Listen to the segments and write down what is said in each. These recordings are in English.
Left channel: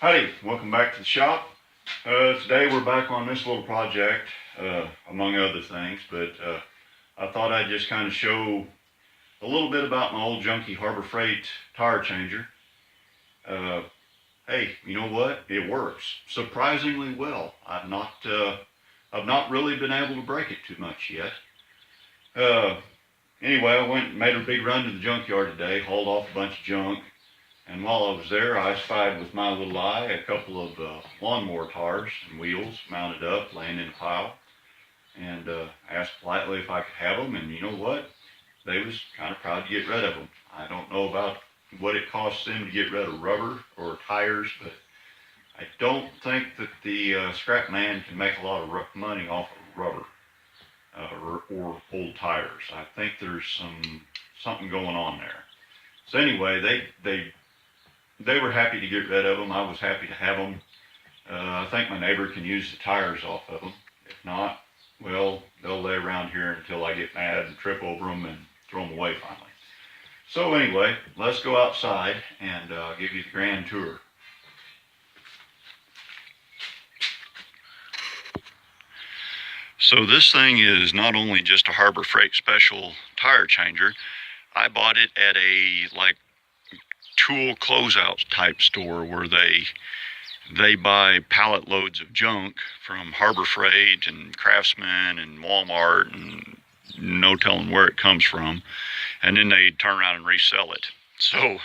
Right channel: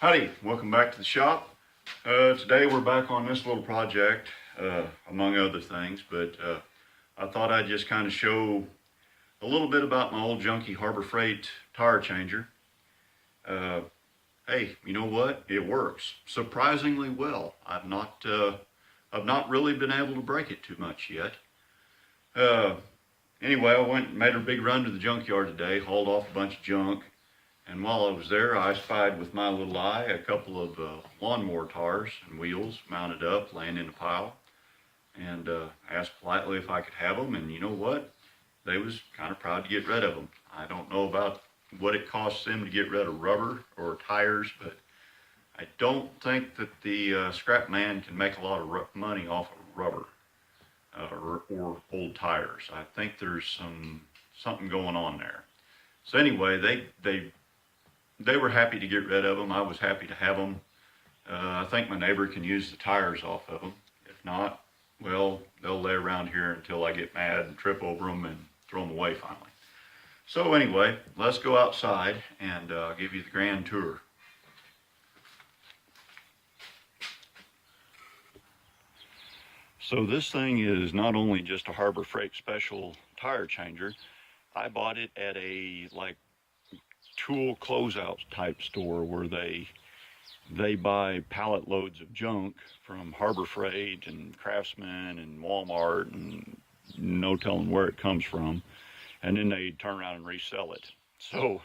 Howdy, welcome back to the shop. Today we're back on this little project, among other things, but I thought I'd just kind of show a little bit about my old junky Harbor Freight tire changer. Hey, you know what? It works surprisingly well. I've not really been able to break it too much yet. Uh, anyway, I went and made a big run to the junkyard today, hauled off a bunch of junk. And while I was there, I spied with my little eye a couple of lawnmower tires and wheels mounted up, laying in a pile, and asked politely if I could have them. And you know what? They was kind of proud to get rid of them. I don't know about what it costs them to get rid of rubber or tires, but I don't think that the scrap man can make a lot of money off of rubber or old tires. I think there's something going on there. So anyway, they were happy to get rid of them. I was happy to have them. I think my neighbor can use the tires off of them. If not, well, they'll lay around here until I get mad and trip over them and throw them away finally. So anyway, let's go outside and give you the grand tour. So this thing is not only just a Harbor Freight special tire changer. I bought it at a tool closeout type store where they buy pallet loads of junk from Harbor Freight and Craftsman and Walmart and no telling where it comes from, and then they turn around and resell it. So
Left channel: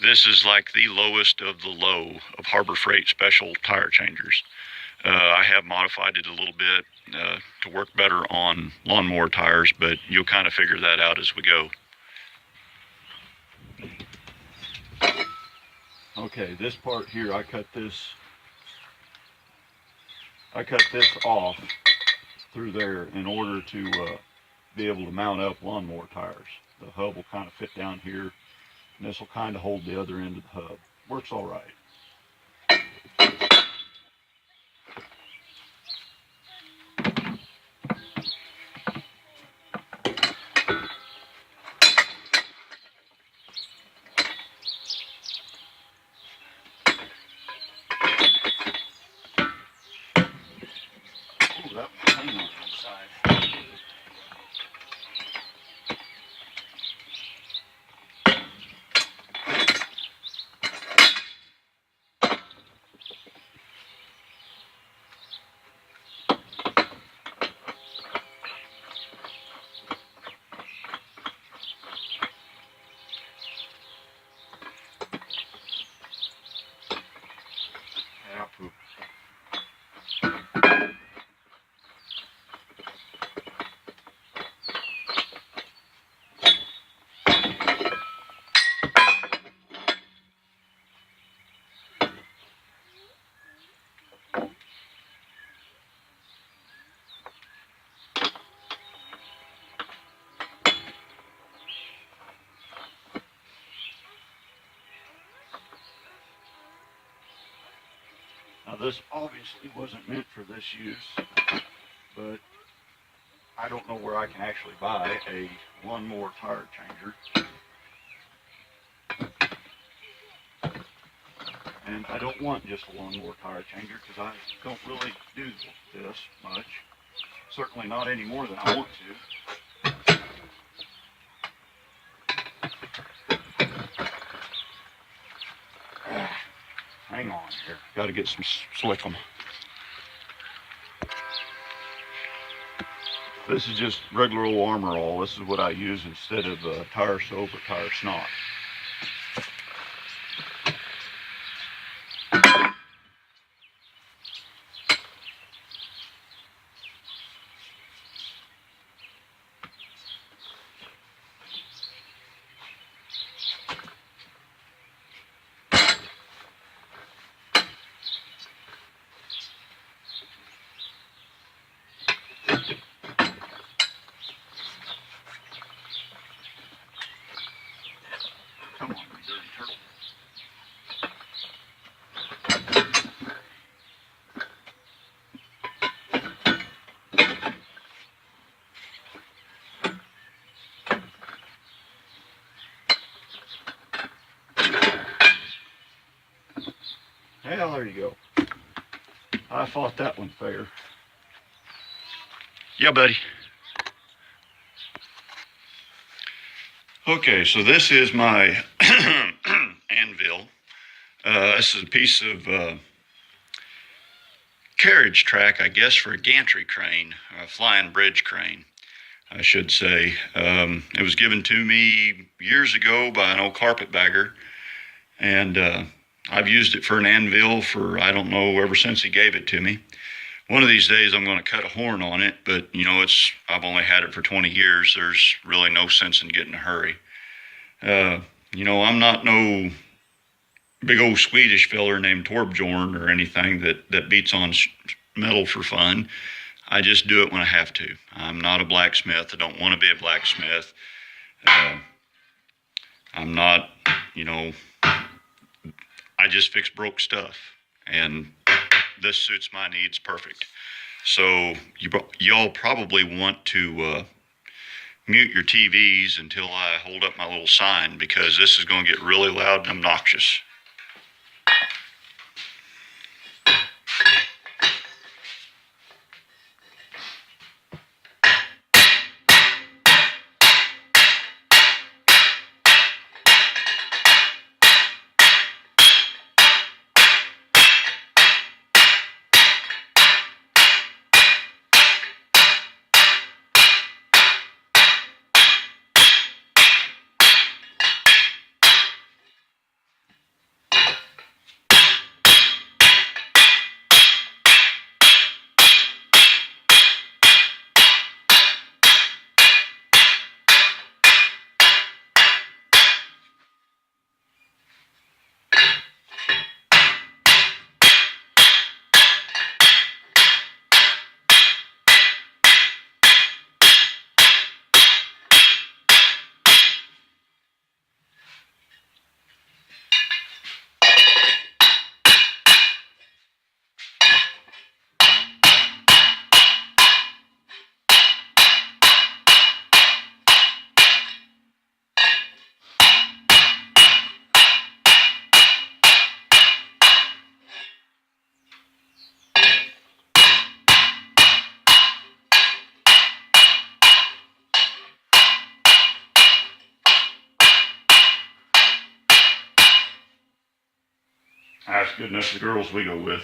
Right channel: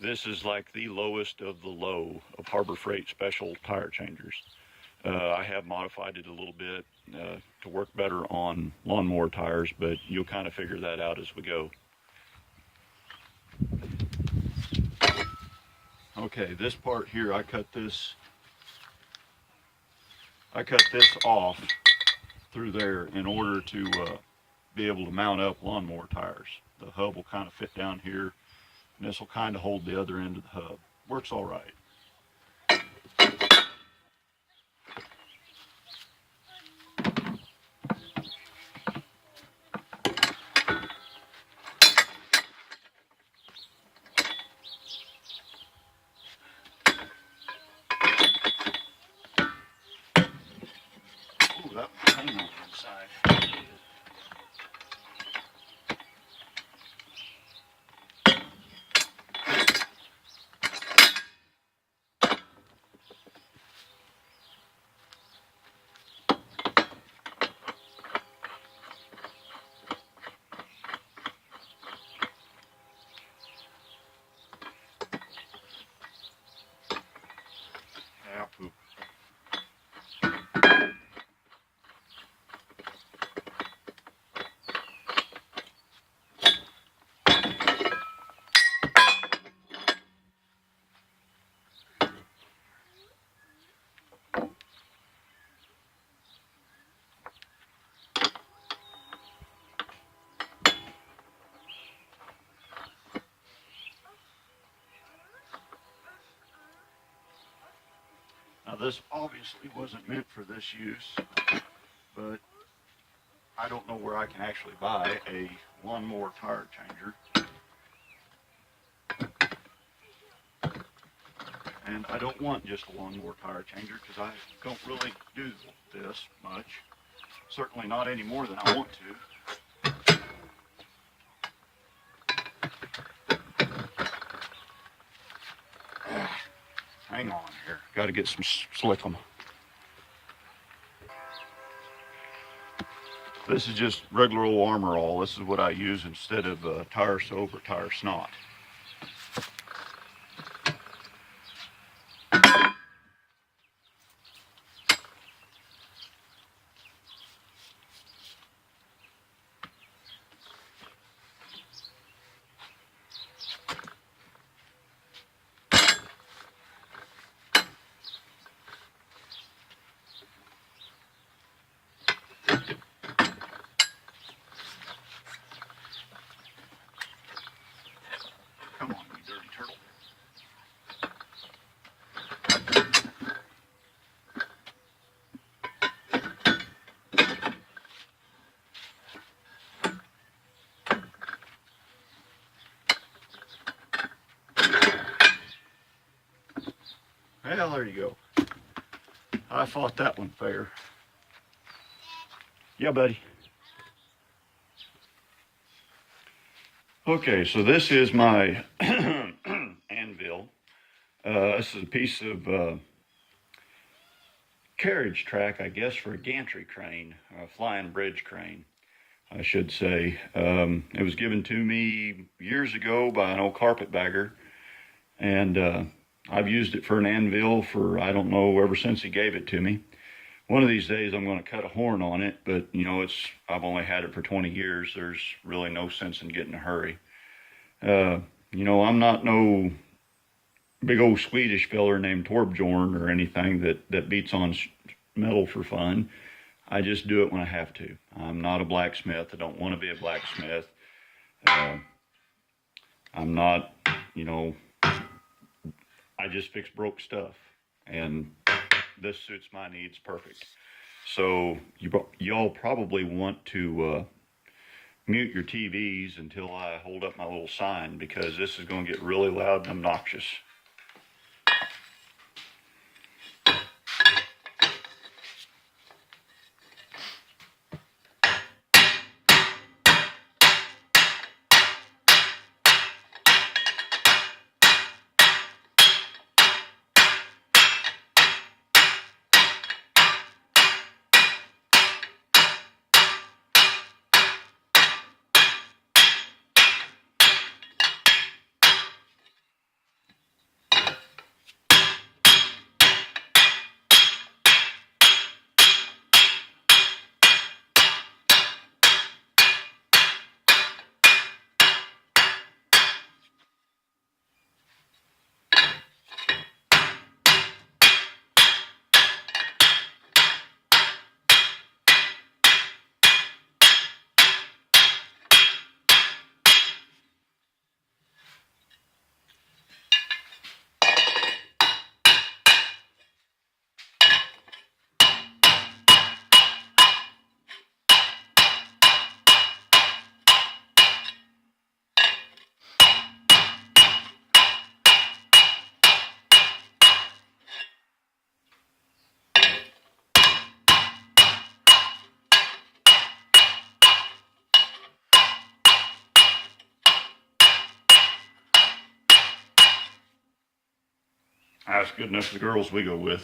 this is like the lowest of the low of Harbor Freight special tire changers. I have modified it a little bit to work better on lawnmower tires, but you'll kind of figure that out as we go. Okay, this part here, I cut this off through there in order to be able to mount up lawnmower tires. The hub will kind of fit down here, and this will kind of hold the other end of the hub. Works all right. That was hanging on the inside. Yeah, poop. Now this obviously wasn't meant for this use, but I don't know where I can actually buy a lawnmower tire changer. And I don't want just a lawnmower tire changer because I don't really do this much. Certainly not any more than I want to. Hang on here. Got to get some slickum. This is just regular old Armor All. This is what I use instead of tire soap or tire snot. Well, there you go. I fought that one fair. Yeah, buddy. Okay, so this is my anvil. This is a piece of carriage track, I guess, for a gantry crane, a flying bridge crane, I should say. It was given to me years ago by an old carpetbagger, and I've used it for an anvil for, I don't know, ever since he gave it to me. One of these days I'm going to cut a horn on it, but you know, I've only had it for 20 years. There's really no sense in getting in a hurry. You know, I'm not no big old Swedish feller named Torbjorn or anything that beats on metal for fun. I just do it when I have to. I'm not a blacksmith. I don't want to be a blacksmith. I'm not, you know, I just fix broke stuff, and this suits my needs perfect. So y'all probably want to mute your TVs until I hold up my little sign, because this is going to get really loud and obnoxious. That's good enough for the girls we go with.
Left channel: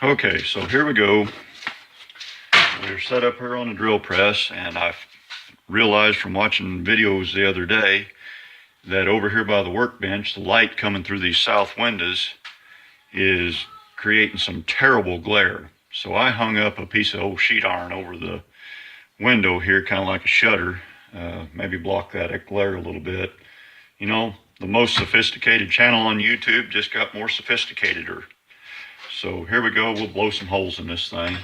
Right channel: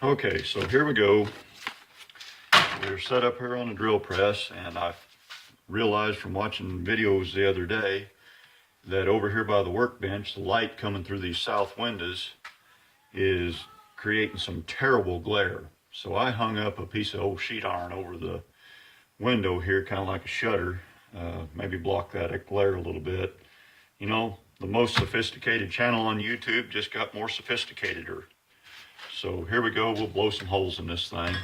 Okay, so here we go. We're set up here on the drill press, and I've realized from watching videos the other day that over here by the workbench, the light coming through these south windows is creating some terrible glare. So I hung up a piece of old sheet iron over the window here, kind of like a shutter, maybe block that glare a little bit. You know, the most sophisticated channel on YouTube just got more sophisticateder. So here we go, we'll blow some holes in this thing.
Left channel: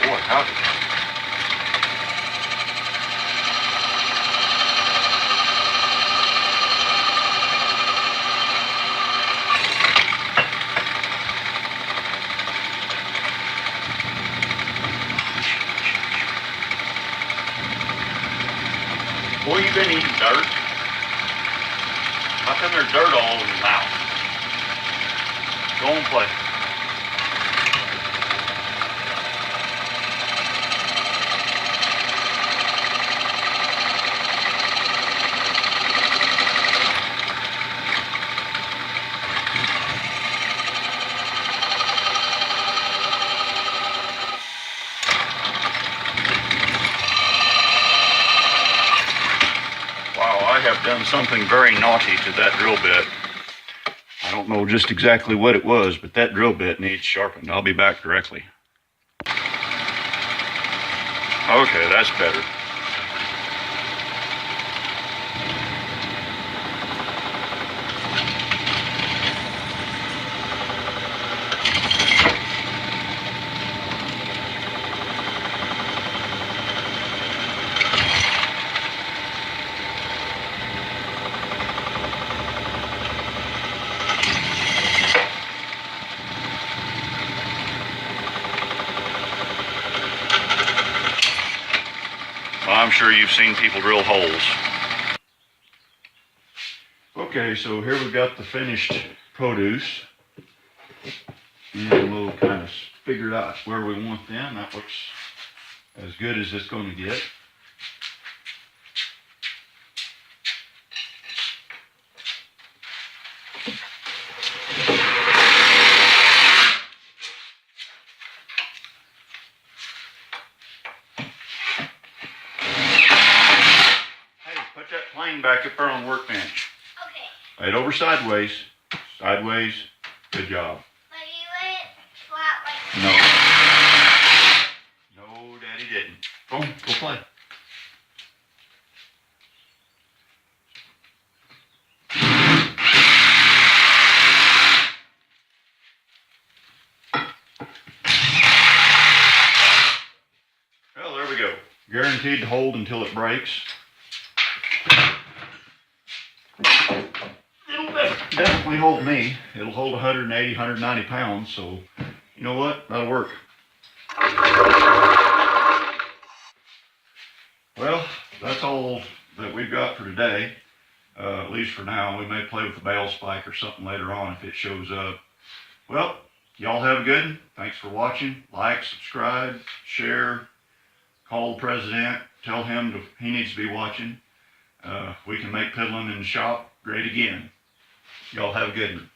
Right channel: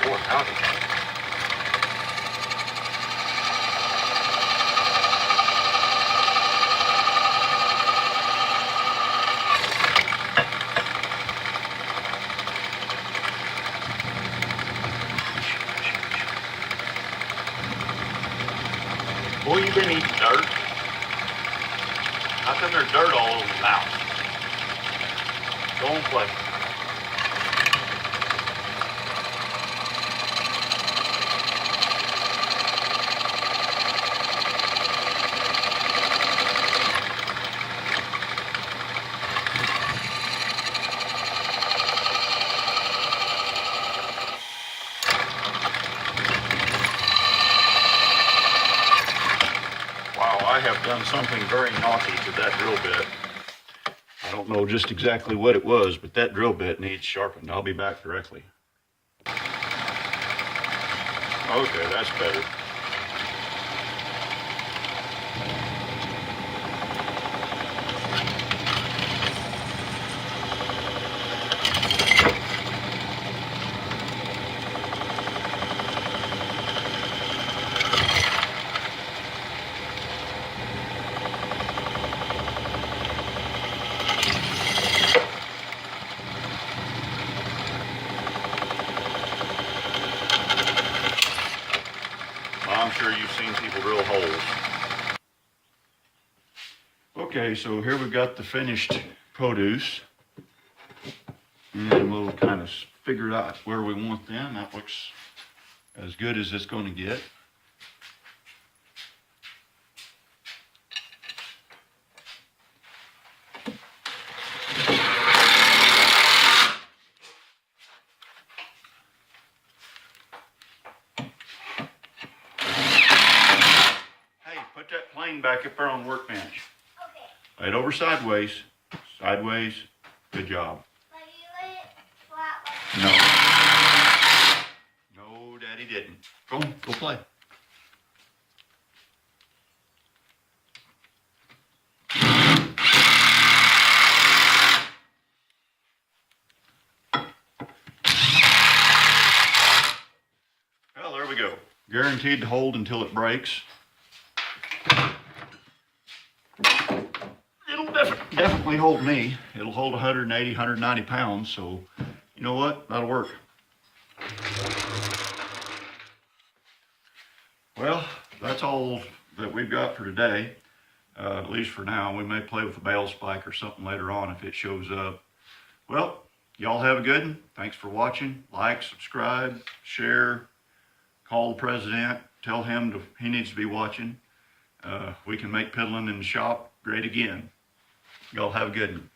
Boy, howdy. Boy, you been eating dirt? How come there's dirt all over your mouth? Go and play. Wow, I have done something very naughty to that drill bit. I don't know just exactly what it was, but that drill bit needs sharpened. I'll be back directly. Okay, that's better. Well, I'm sure you've seen people drill holes. Okay, so here we've got the finished produce. And we'll kind of figure out where we want them. That looks as good as it's going to get. Hey, put that plane back up there on the workbench. Okay. Right over sideways. Sideways. Good job. But you went flat like No. No, Daddy didn't. Go play. Well, there we go. Guaranteed to hold until it breaks. It'll definitely hold me. It'll hold 180, 190 pounds, so you know what? That'll work. Well, that's all that we've got for today, at least for now. We may play with the bale spike or something later on if it shows up. Well, y'all have a good one. Thanks for watching. Like, subscribe, share, call the president, tell him he needs to be watching. We can make piddling in the shop great again. Y'all have a good one.